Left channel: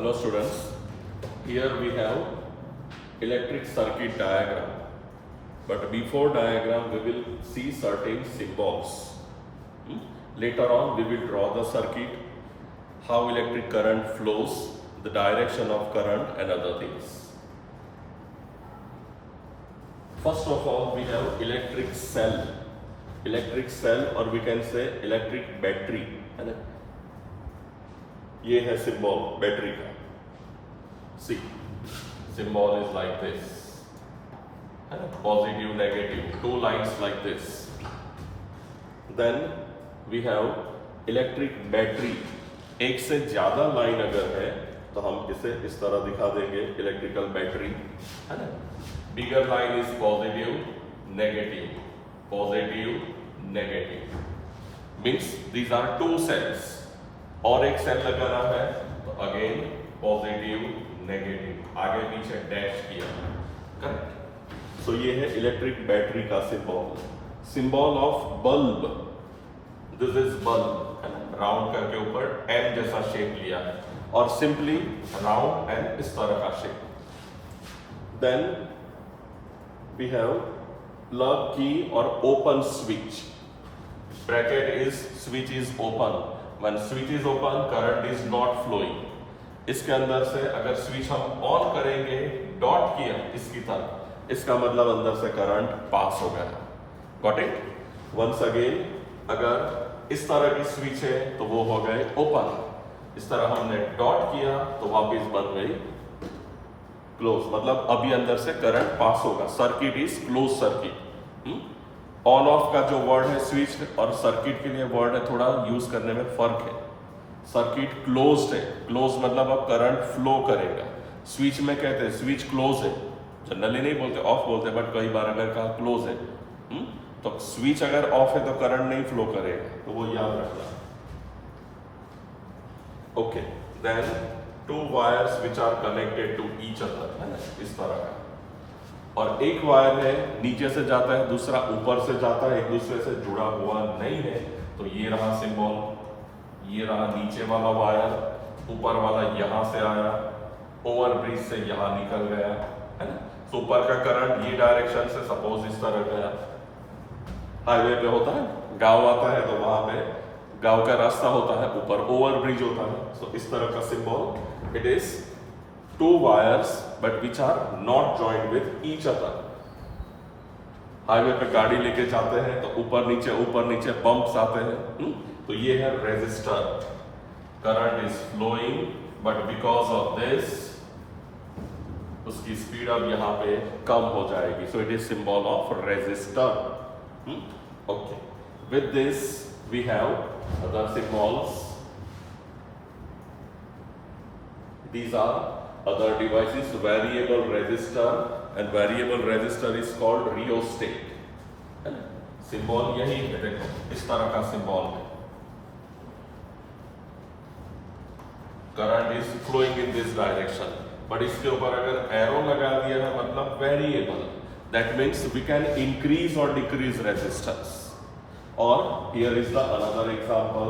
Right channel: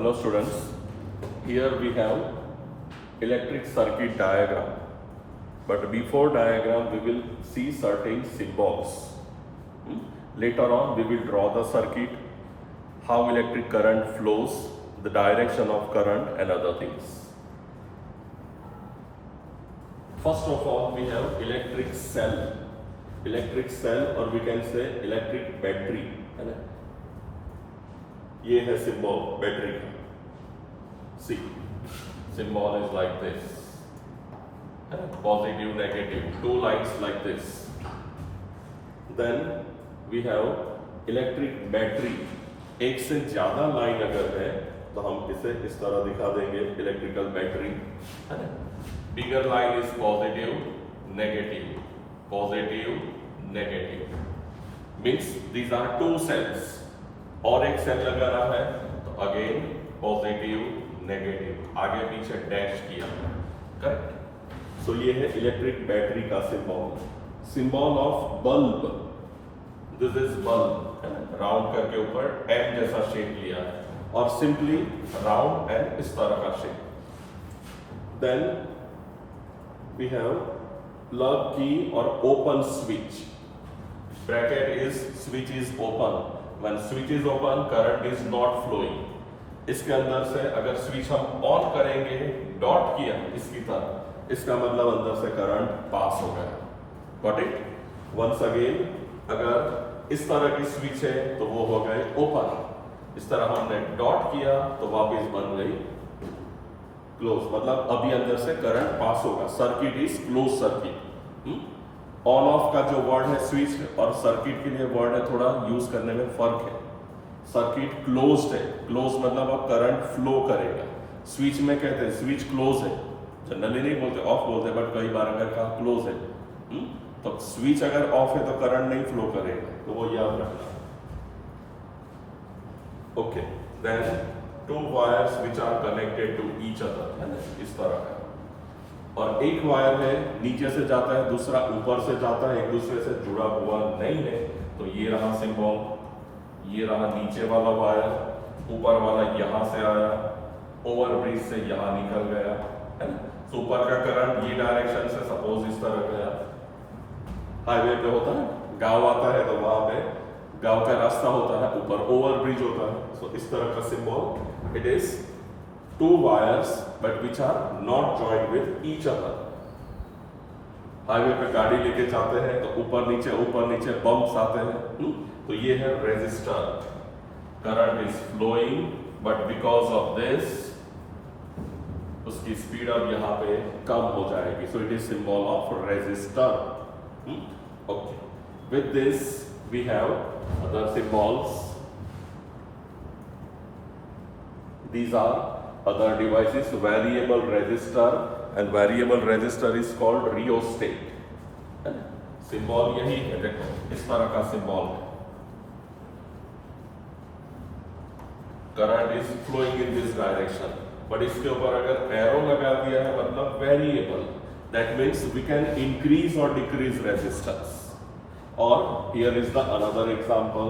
Hello students, here we have electric circuit diagram, but before diagram we will see certain symbols. Later on we will draw the circuit, how electric current flows, the direction of current and other things. First of all we have electric cell or we can say electric battery, है ना? ये है symbol battery का. See, symbol is like this, positive, negative, two lines like this. Then we have electric battery. एक से ज्यादा line अगर है तो हम इसे इस तरह दिखा देंगे इलेक्ट्रिकल बैटरी, है ना? Bigger line is positive, negative, positive, negative. Means these are two cells. और एक सेल लगा रहा है तो अगेन पॉजिटिव नेगेटिव, आगे पीछे डैश किया, करेक्ट. सो ये है इलेक्ट्रिक बैटरी का symbol. Symbol of bulb, this is bulb, round करके ऊपर एम जैसा शेप लिया है और सिंपली राउंड एंड इस तरह का shape. Then we have plug key और open switch. Bracket is switch is open. When switch is open, current is not flowing. इसके अंदर से अगर स्विच हम ऑन करेंगे, डॉट किया इसकी तरह, इसका मतलब अंदर से करंट पास हो गया. Got it? वंस अगेन अगर इस तरह की स्विच है तो वो हो गए ओपन. इस तरह हमने डॉट किया तो वापस बन गई क्लोज. मतलब अभी अंदर से करंट पास होगा. Circuit is close circuit. On off का जो वर्ड है स्विच और सर्किट के लिए वर्ड है, थोड़ा यूज करने में फर्क है. सर्किट क्लोज्ड है. क्लोज मतलब अब करंट फ्लो करेगा. स्विच में कहते हैं स्विच क्लोज है, जनरली नहीं बोलते, ऑफ बोलते, बट कई बार अगर कहा क्लोज है तो स्विच अगर ऑफ है तो करंट नहीं फ्लो करेगा, तो वो याद रखना. Okay, then two wires which are connected to each other, है ना, इस तरह का. और एक वायर है नीचे से जाता है, दूसरा ऊपर से जाता है, एक दूसरे से जुड़ा हुआ नहीं है. तो ये रहा सिंबल, ये रहा नीचे वाला वायर, ऊपर वाला यहां से आया, ओवर ब्रिज से यहां निकल गया, है ना. तो ऊपर का करंट ये डायरेक्शन से सपोज इस तरह गया. हाईवे पे होता है, गांव आता है तो वहां पे गांव का रास्ता होता है, ऊपर ओवर ब्रिज होता है. सो इस तरह का symbol. It is two wires but which are not joined with each other. Highway पे गाड़ी लेके जाते हैं तो ऊपर नीचे बम्प्स आते हैं. तो ये है resistor. Current is flowing but because of this उसकी स्पीड अब यहाँ पे कम हो जाएगी. So it is symbol of resistor. Okay, with this we have other symbols. These are other devices. Variable resistor, and variable resistor is called rheostat. है ना? Symbol यही है, देखो इस तरह का सिंबल है. Current is flowing in this direction, but इसके ऊपर अगर एरो लगा दिया है मतलब variable, that means we can increase और डिक्रीज रेजिस्टेंस. और here is the another example.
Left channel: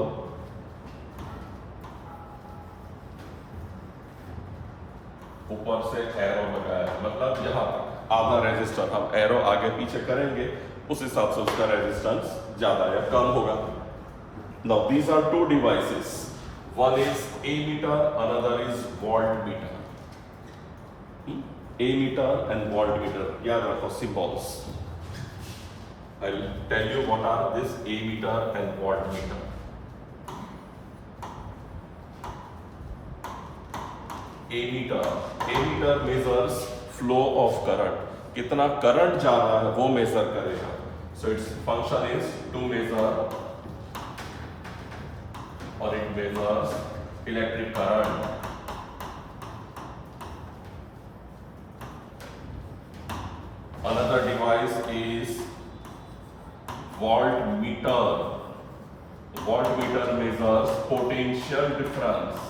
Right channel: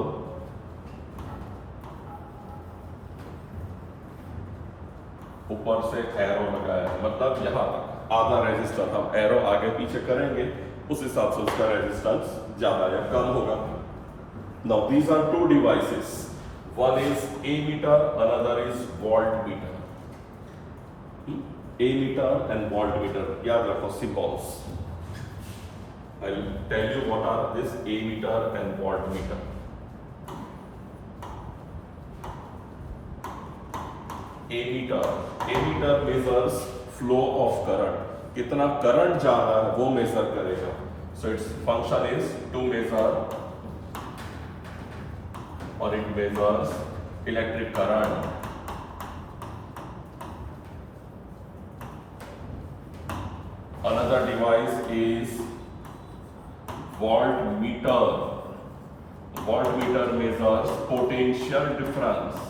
ऊपर से एरो लगाया है मतलब यहां तक आधा रेजिस्टर, हम एरो आगे पीछे करेंगे उस हिसाब से उसका रेजिस्टेंस ज्यादा या कम होगा. Now these are two devices. One is ammeter, another is voltmeter. Ammeter and voltmeter, याद रखो symbols. I will tell you what are this ammeter and voltmeter. Ammeter measures flow of current. कितना current जा रहा है वो measure करेगा. So its function is to measure, और it measures electric current. Another device is voltmeter. Voltmeter measures potential difference.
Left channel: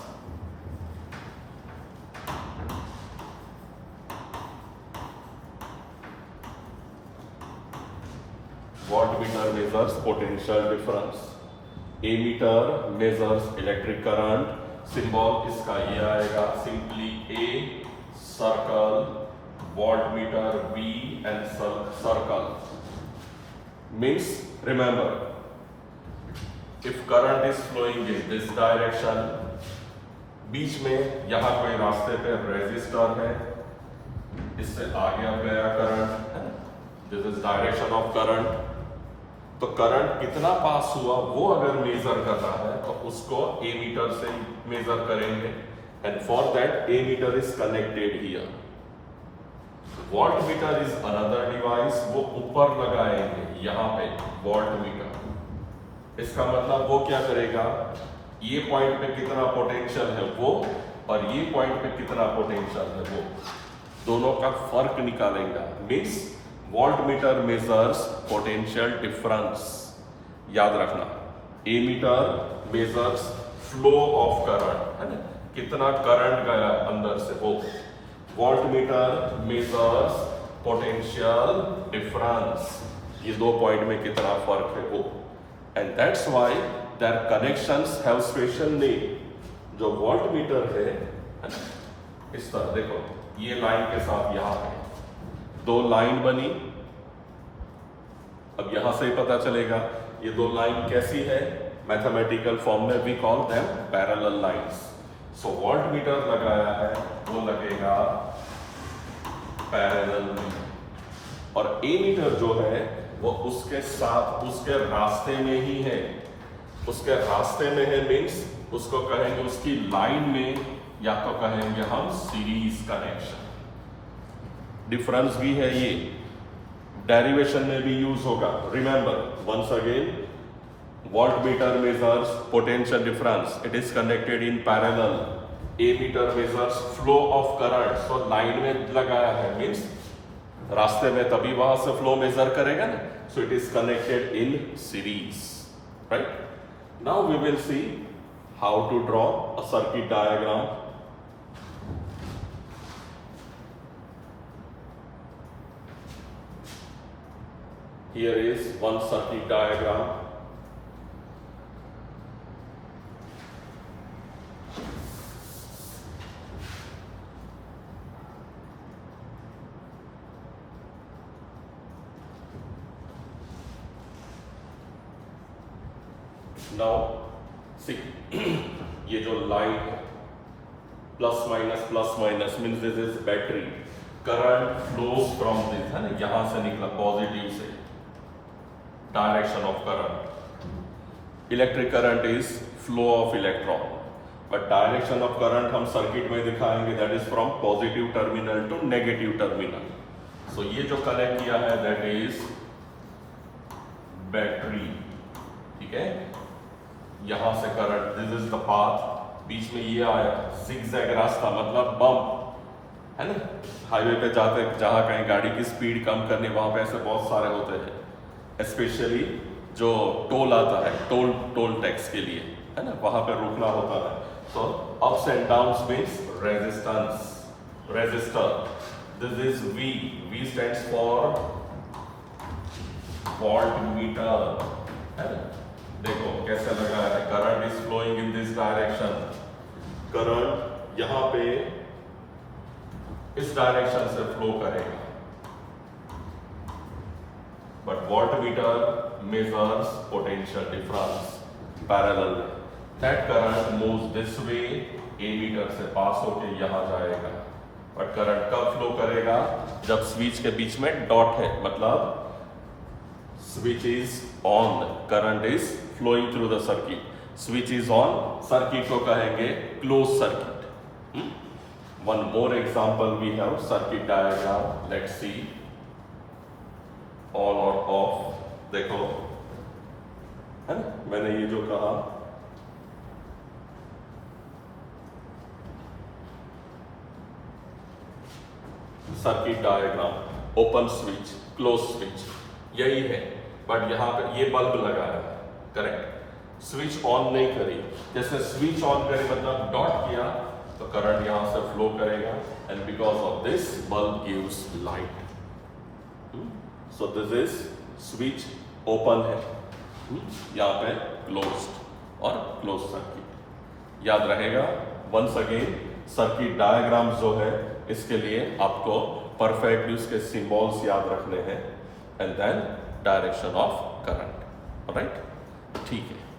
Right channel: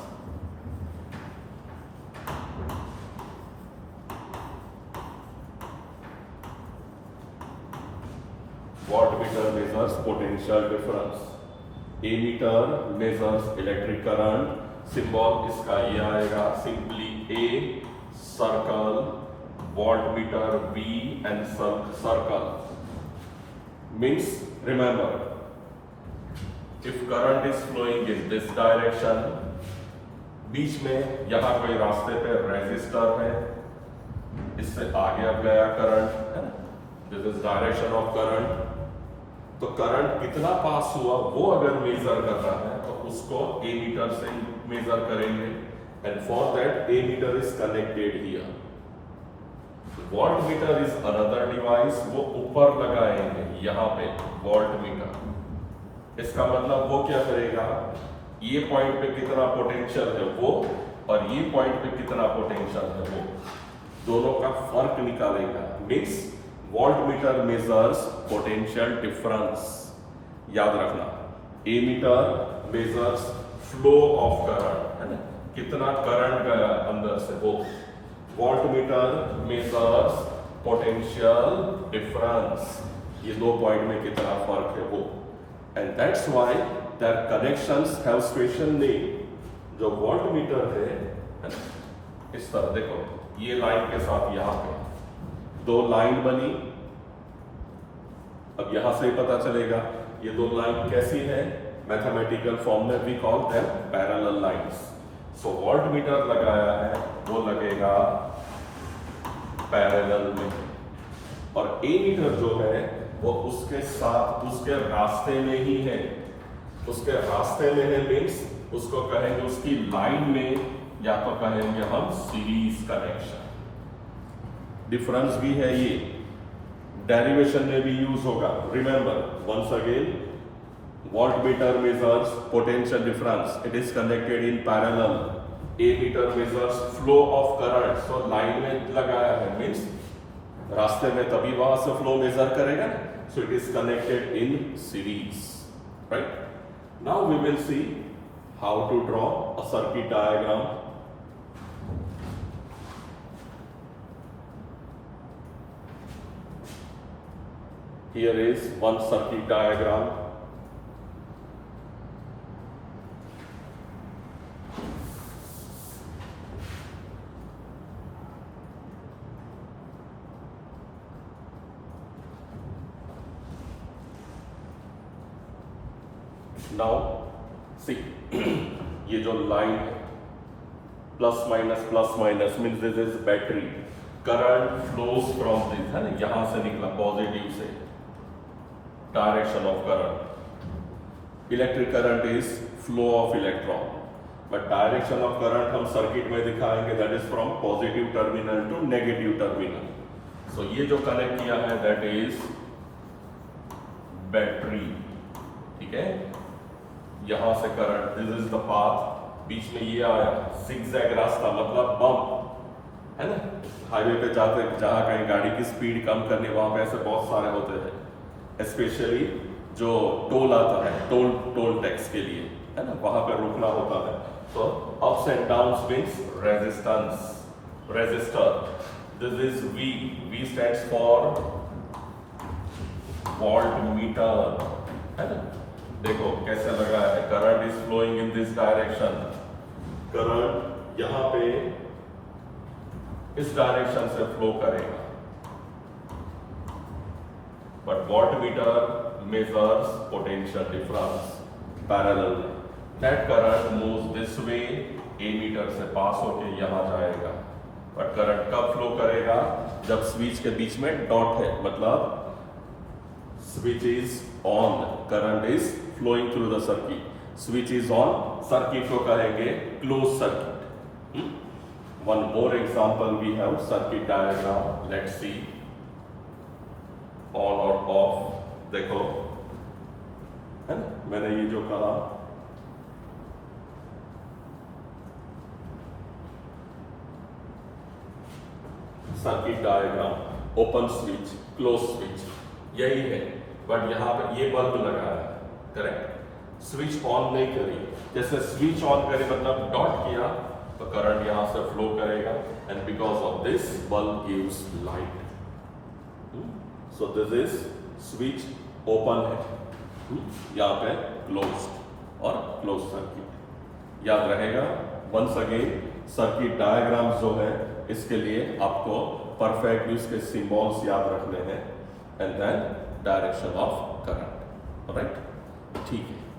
Voltmeter measures potential difference. Ammeter measures electric current symbol इसका ये आएगा, simply a circle voltmeter V and circle means remember if current is flowing in this direction, बीच में यहां कोई रास्ते पे resistor है, इससे आगे अब गया करंट है, this is direction of current. तो करंट कितना पास हुआ वो अगर मेजर करना है तो उसको ए मीटर से मेजर करेंगे, and for that ammeter is connected here. Voltmeter is another device, वो ऊपर लगाएंगे यहां पे वोल्ट मीटर। इसका मतलब वो क्या करेगा, ये पॉइंट पे कितना पोटेंशियल है वो और ये पॉइंट पे कितना पोटेंशियल है वो, दोनों का फर्क निकालेगा। Means volt metre measures potential difference, याद रखना। Ammeter measures flow of current, है ना, कितना करंट गया अंदर से वो। Volt metre measures potential difference, ये दो पॉइंट में कितना फर्क है वो। And that's why their connections have special name. जो वोल्ट मीटर है ना, इस तरह देखो, ये लाइन के साथ यहां पे दो लाइन बनी। अब यहां से ही पता चलेगा ये दो लाइन कैसी है, मैथमेटिकल फॉर्म में we call them parallel lines. So voltmeter लगाया है वो लगेगा पैरेलल में, और ए मीटर जो है वो उसके साथ उसके रास्ते में ही है। उसके रास्ते में है मीन्स उसको कहेंगे उसकी लाइन में, या तो कहेंगे हम सीरीज कनेक्शन। डिफरेंस भी है, ये डेरिवेशन में भी यूज होगा। Remember once again, volt meter measures potential difference, it is connected in parallel. Ammeter measures flow of current, so line में लगाया है मीन्स रास्ते में, तभी वहां से फ्लो मेजर करेगा ना। So it is connected in series, right. Now we will see how to draw a circuit diagram. Here is one circuit diagram. Now see ये जो लाइन है plus minus means this is battery. Current flows from this, है ना, यहां से निकला positive से, direction of current. Electric current is flow of electron, but direction of current हम सर्किट में दिखाएंगे, that is from positive terminal to negative terminal. So ये जो कनेक्ट किया है दैट इज बैटरी, ठीक है। यहां से current, this is the path, बीच में ये आया जिगजैग रास्ता, मतलब बम्प, है ना। हाईवे पे जाते जहां कहीं गाड़ी की स्पीड कम करनी, वहां पे ऐसे बहुत सारे होते हैं, स्पेशली जो टोल आता है, टोल टैक्स के लिए, है ना, वहां पे रुकना होता है। So ups and downs means resistance, resistor. This is V stands for volt meter, है ना। देखो कैसे लग रहा है, current is flowing in this direction, current यहां पे इस डायरेक्शन से फ्लो करेगा, but voltmeter measures potential difference parallel. That current moves this way, A meter से पास होके यहां जाएगा, but करंट कब फ्लो करेगा, जब स्विच के बीच में डॉट है, मतलब switch is on, current is flowing through the circuit, switch is on, circuit को कहेंगे close circuit. One more example we have, circuit diagram, let's see. On और ऑफ, देखो, है ना, मैंने ये जो कहा circuit diagram, open switch, close switch, यही है। बट यहां पर ये बल्ब लगा है, करेक्ट, स्विच ऑन नहीं करी। जैसे स्विच ऑन करी मतलब डॉट किया तो करंट यहां से फ्लो करेगा, and because of this bulb gives light. So this is switch open है, यहाँ पे क्लोज्ड और क्लोज सर्किट। याद रहेगा। वंस अगेन सर्किट डायग्राम जो है इसके लिए आपको परफेक्ट इसके सिंबल्स याद रखने हैं, and then direction of current. Right, ठीक है।